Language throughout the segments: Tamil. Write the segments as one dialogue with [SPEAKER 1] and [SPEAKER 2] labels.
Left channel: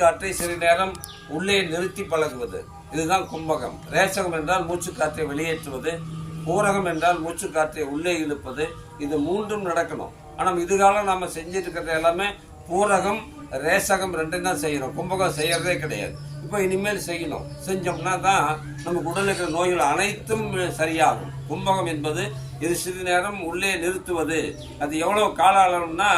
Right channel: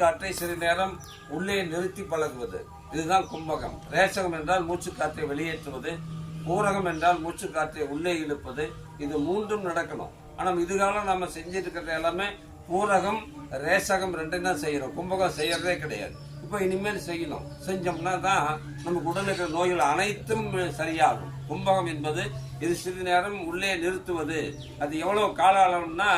[SPEAKER 1] காற்றை சிறிது நேரம் உள்ளே நிறுத்தி பழகுவது. இதுதான் கும்பகம். ரேசகம் என்றால் மூச்சு காற்றை வெளியேற்றுவது. பூரகம் என்றால் மூச்சு காற்றை உள்ளே இழுப்பது. இது மூன்றும் நடக்கணும். ஆனால் இதுகாலம் நாம் செஞ்சுட்டு இருக்கிறது எல்லாமே பூரகம் ரேசகம் ரெண்டும் தான் செய்யணும். கும்பகம் செய்யறதே கிடையாது. இப்போ இனிமேல் செய்யணும். செஞ்சோம்னா தான் நமக்கு உடலுக்கு இருக்கிற நோய்கள் அனைத்தும் சரியாகும். கும்பகம் என்பது இது சிறிது நேரம் உள்ளே நிறுத்துவது. அது எவ்வளோ கால அளவுன்னா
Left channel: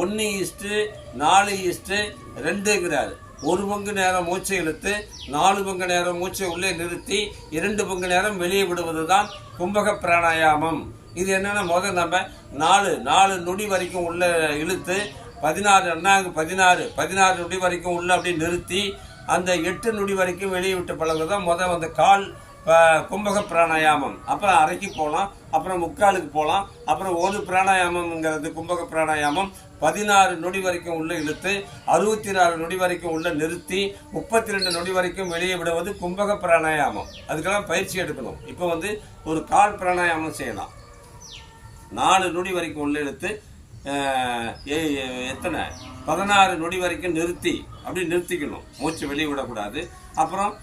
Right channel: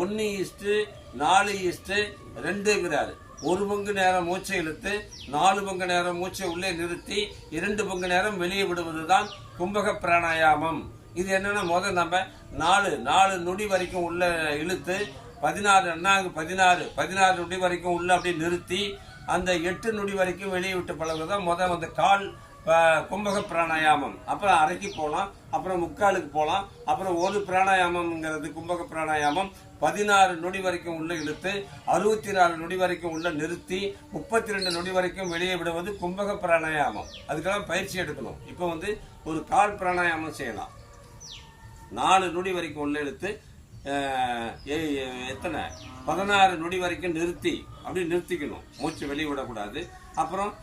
[SPEAKER 1] ஒன்று இஸ்ட்டு நாலு இஸ்ட்டு ரெண்டுங்கிறாரு. ஒரு பங்கு நேரம் மூச்சை இழுத்து நாலு பங்கு நேரம் மூச்சை உள்ளே நிறுத்தி இரண்டு பங்கு நேரம் வெளியே விடுவது தான் கும்பக பிராணாயாமம். இது என்னென்னா முதல் நம்ம நாலு நாலு நொடி வரைக்கும் உள்ள இழுத்து பதினாறு அண்ணாங்க பதினாறு பதினாறு நொடி வரைக்கும் உள்ள அப்படியே நிறுத்தி அந்த எட்டு நொடி வரைக்கும் வெளியே விட்டு பழகுறது தான் முதல் அந்த கால் கும்பக பிராணாயாமம். அப்புறம் அரைக்கு போகலாம் அப்புறம் முக்காலுக்கு போகலாம் அப்புறம் ஒரு பிராணாயாமம்ங்கிறது கும்பக பிராணாயாமம். பதினாறு நொடி வரைக்கும் உள்ள இழுத்து அறுபத்தி நாலு நொடி வரைக்கும் உள்ள நிறுத்தி முப்பத்தி ரெண்டு நொடி வரைக்கும் வெளியே விடுவது கும்பக பிராணாயாமம். அதுக்கெல்லாம் பயிற்சி எடுக்கணும். இப்போ வந்து ஒரு கால் பிராணாயாமம் செய்யலாம். நாலு நொடி வரைக்கும் உள்ள இழுத்து ஏ- எத்தனை? பதினாறு நொடி வரைக்கும் நிறுத்தி அப்படி நிறுத்திக்கணும். மூச்சு வெளியே விடக்கூடாது. அப்புறம்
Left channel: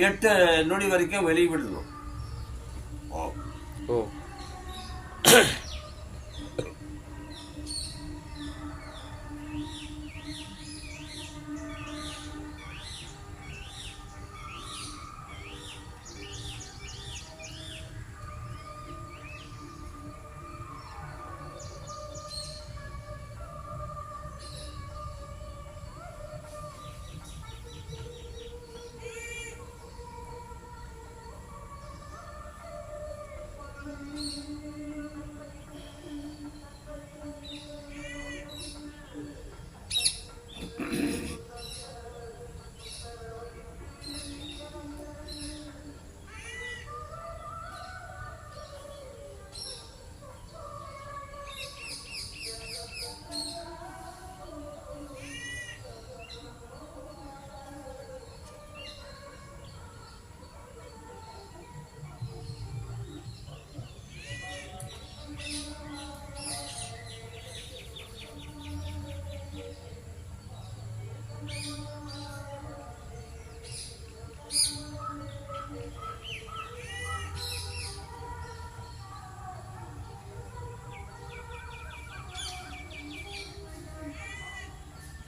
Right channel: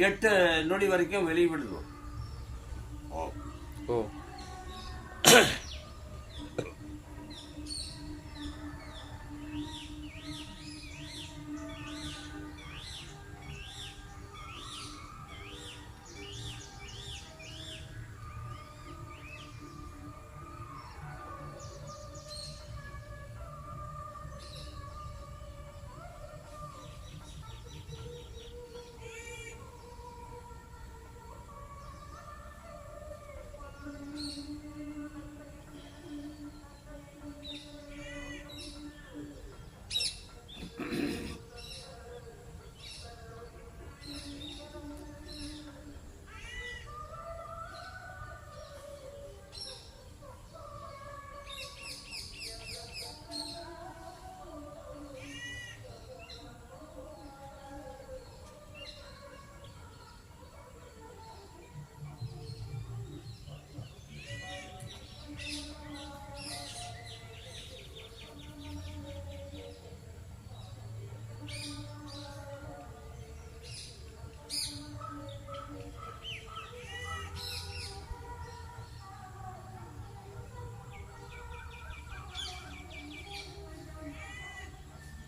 [SPEAKER 1] எட்டு நொடி வரைக்கும் வெளியே விடணும் ஓ.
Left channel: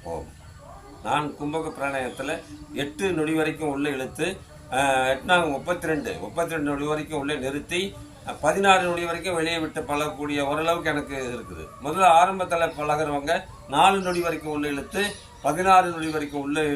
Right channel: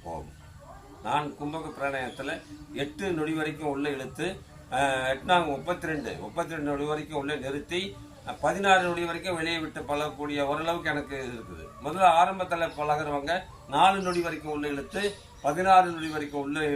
[SPEAKER 2] ஓ
[SPEAKER 1] ஓம் நான் கும்பக பிராணாயத்தில் எட்டு நொடி வரைக்கும் உள்ள இழுத்து அஹ், முப்பத்தி ரெண்டு முப்பத்தி ரெண்டு நொடி வரைக்கும் உள்ள நிறுத்தி பதினாறு நொடி வரைக்கும் வெளியே விட்டு பழகக்கூடிய ஓரளவுக்கு எனக்கு இருக்குது. முதல்ல ஆரம்பத்தில் பழகுறவங்க நாலு நொடி வரைக்கும் உள்ள இழுத்து பதினாறு நொடி வரைக்கும் உள்ள